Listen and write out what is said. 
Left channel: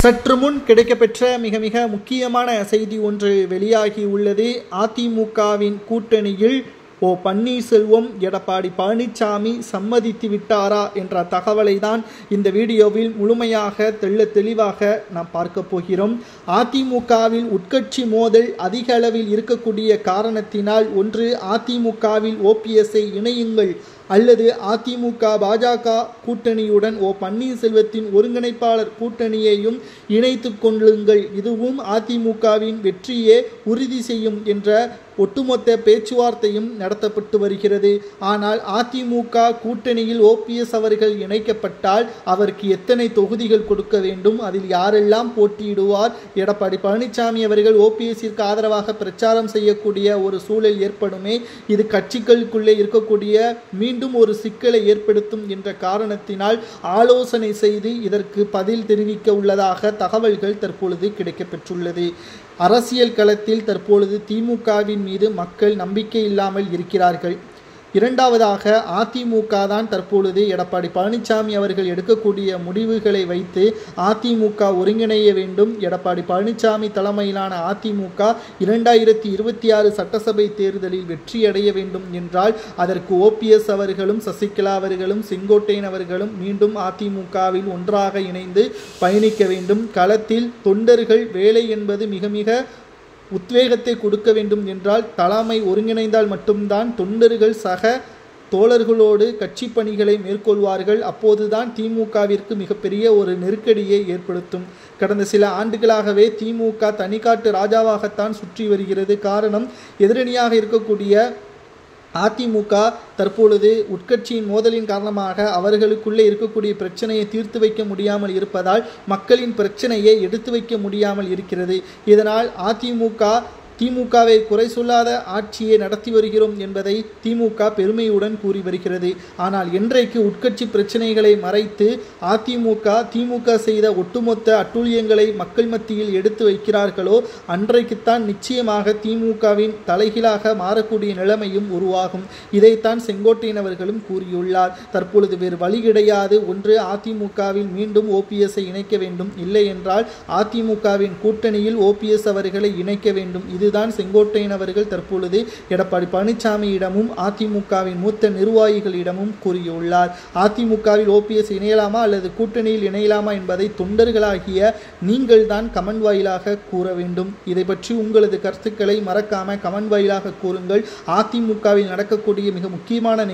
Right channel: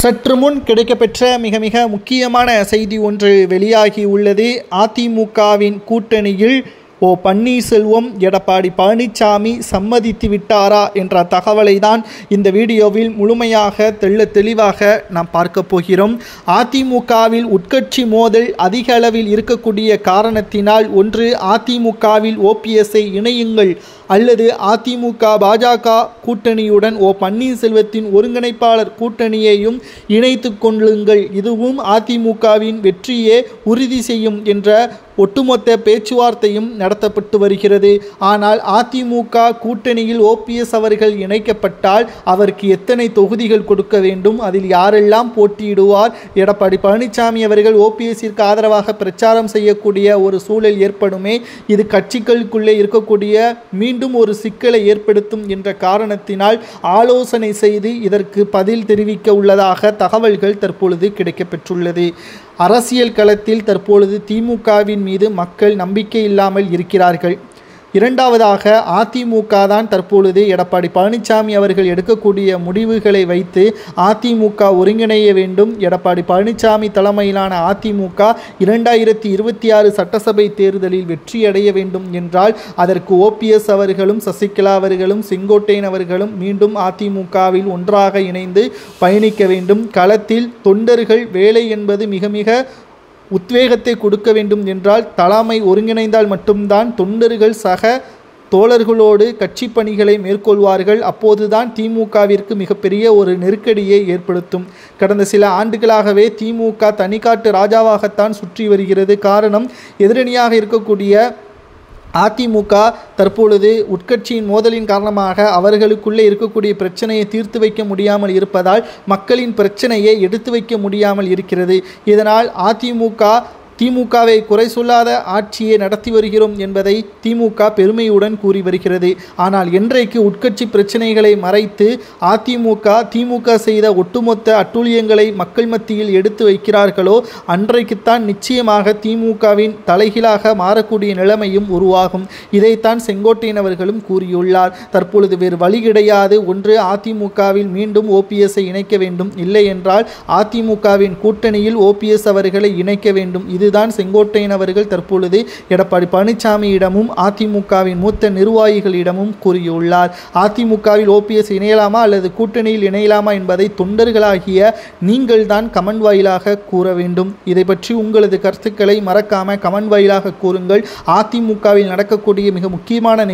சற்று முன் கிடைக்கப்பெற்ற மிக மிக முக்கியமான செய்தி ஒன்று வெளியாகி உள்ளது. அதிமுகவின் கூட்டணியில் பன்னீர்செல்வம் எடப்பாடி பழனிசாமி சம்மதித்து விட்டாரா என்ற தகவலை தான் இந்த வீடியோவில் முழுமையாக தெளிவாக நாம் பார்க்க போகிறோம். அதிமுகவில் உட்கட்சி மோதல் அதிக அளவில் இருக்கக்கூடிய காரணத்தினால் ஒன்று அதிமுகவில் ஓபிஎஸ்ஐ இணையுங்கள் அல்லது அதிமுக பாஜக கூட்டணியுடன் பன்னீர்செல்வத்தின் ஒருங்கிணைப்பாளர் கூட்டணியையும் இணைத்து கொள்ளுங்கள், இதுவும் அதிமுகவின் வெற்றியே உறுதி செய்யும் என்ற ஒட்டுமொத்த பேச்சுவார்த்தையும் நடத்தப்பட்டு வருகிறது. ஆனால் அதிமுக கூட்டணியில் ஓபிஎஸ் அவர்கள் இணைக்கப்பட்டால் அவருக்கு எத்தனை தொகுதிகள் கொடுக்க வேண்டும், அதில் யாரெல்லாம் போட்டியிடுவார், எடப்பாடி பழனிசாமி அவர்கள் ஓபிஎஸ்ஸிற்கு ஆதரவாக பிரச்சாரம் செய்யக்கூடிய ஒரு சூழல் ஏற்படுமே, இது கட்சிகளுக்குள்ளே இருக்கக்கூடிய மீண்டும் ஒரு சிக்கலை ஏற்படுத்தும் என்ற காரணத்தினால் ஆலோசனை செய்து இதற்கு பதில் தெரிவிக்க உள்ளதாக தகவல்கள் தற்பொழுது கிடைக்கப்பெற்றுள்ளது. அரசியல் களத்தில் தற்பொழுது திமுகவின் மீது மக்கள் நம்பிக்கை இல்லாமல் இருக்கிறார்கள். இரண்டாவதாக அதிமுக தான் தற்பொழுது எடப்பாடி பழனிசாமி அவர்கள் எடுக்கக்கூடிய முடிவுகளை வைத்து அதிமுக ஒருங்கிணைய வேண்டும். எடப்பாடி பழனிசாமி தலைமையிலான அதிமுக 2026 சட்டசபை தேர்தலில் வெற்றியடைய வேண்டும் என்றால் அதற்கு ஓபிஎஸ் அவர்களும் சசிகலா அவர்களும் செங்கோட்டையன் அவர்களும் மீண்டும் அதிமுகவில் ஒன்றாக இணைந்து பயணிக்க வேண்டும். களத்தில் தொண்டர்கள் வேலை என்பது மிக மிக உத்வேகத்தை கொடுக்க வேண்டும் என்றால் தலைமை ஒருங்கிணைந்தால் மட்டும்தான் தொண்டர்கள் சக தோழர்களோடு கட்சி பணிகளை மேற்கொள்வார்கள். அப்போதுதான் திமுகவிற்கு மிகப்பெரிய ஒரு நெருக்கடியை ஏற்படுத்தும். கடந்த சில ஆண்டுகளாகவே திமுக தனிக்காட்டு ராஜாவாகத்தான் சுற்றி வருகிறது. காரணம், எதிரணியாக இருக்கக்கூடிய அதிமுக தற்பொழுது உட்கட்சியின் மோதலின் காரணமாக அவர்களுக்குள்ளே இருக்கக்கூடிய பிரச்சனையை தீர்த்து வைக்க முடியாமல் இருப்பதால் மக்களின் பிரச்சனையை எடுத்து வைக்க முடியாமல் இருக்கிறது. இதனால் திமுகவை குறை சொல்லாத ஆட்சியை நடத்தி வருகிறோம் என்பதை திமுக பெருமையுடன் கூறி வருகிறது. ஆனால் இன்றைக்கு உட்கட்சி பிரச்சனைகளை மறைத்து திமுக செய்த ஒட்டுமொத்த அட்டூழியங்களை மக்கள் மத்தியில் எடுத்து வைக்கிறார்களோ அன்றைக்குத்தான் நிச்சயமாக திமுகவின் தலைகீழாக மாறக்கூடிய நிலைமையும் உருவாகும். இதைத்தான் செங்கோட்டையன் அவர்களும் கூறியுள்ளார். தற்பொழுது வேறு வழி கிடையாது. ஒன்று அதிமுகவில் மீண்டும் ஓபிஎஸ்ஐ இணைக்க வேண்டும், இல்லை என்றால் அதிமுகவின் கூட்டணியில் ஓபிஎஸ் அவர்களை இணைக்க வேண்டும். இதுதான் செங்கோட்டையன் அவர்கள் தற்பொழுது எடப்பாடி பழனிசாமியிடமும் அதிமுகவின் மூத்த நிர்வாகிகளிடமும் கூறியுள்ளார். அதிமுகவில் ஓபிஎஸ் இணையலாமா அல்லது கூட்டணியில் இணையலாமா என்பதை தொண்டர்களாகிய நீங்கள் தான் கமெண்ட் வாயிலாக கூற வேண்டும். இதை பற்றி உங்களது கருத்துக்களை மறக்காம கமெண்ட் வாயிலாக கூறுங்கள். அதிமுகவில் நடக்கக்கூடிய மிக முக்கியமான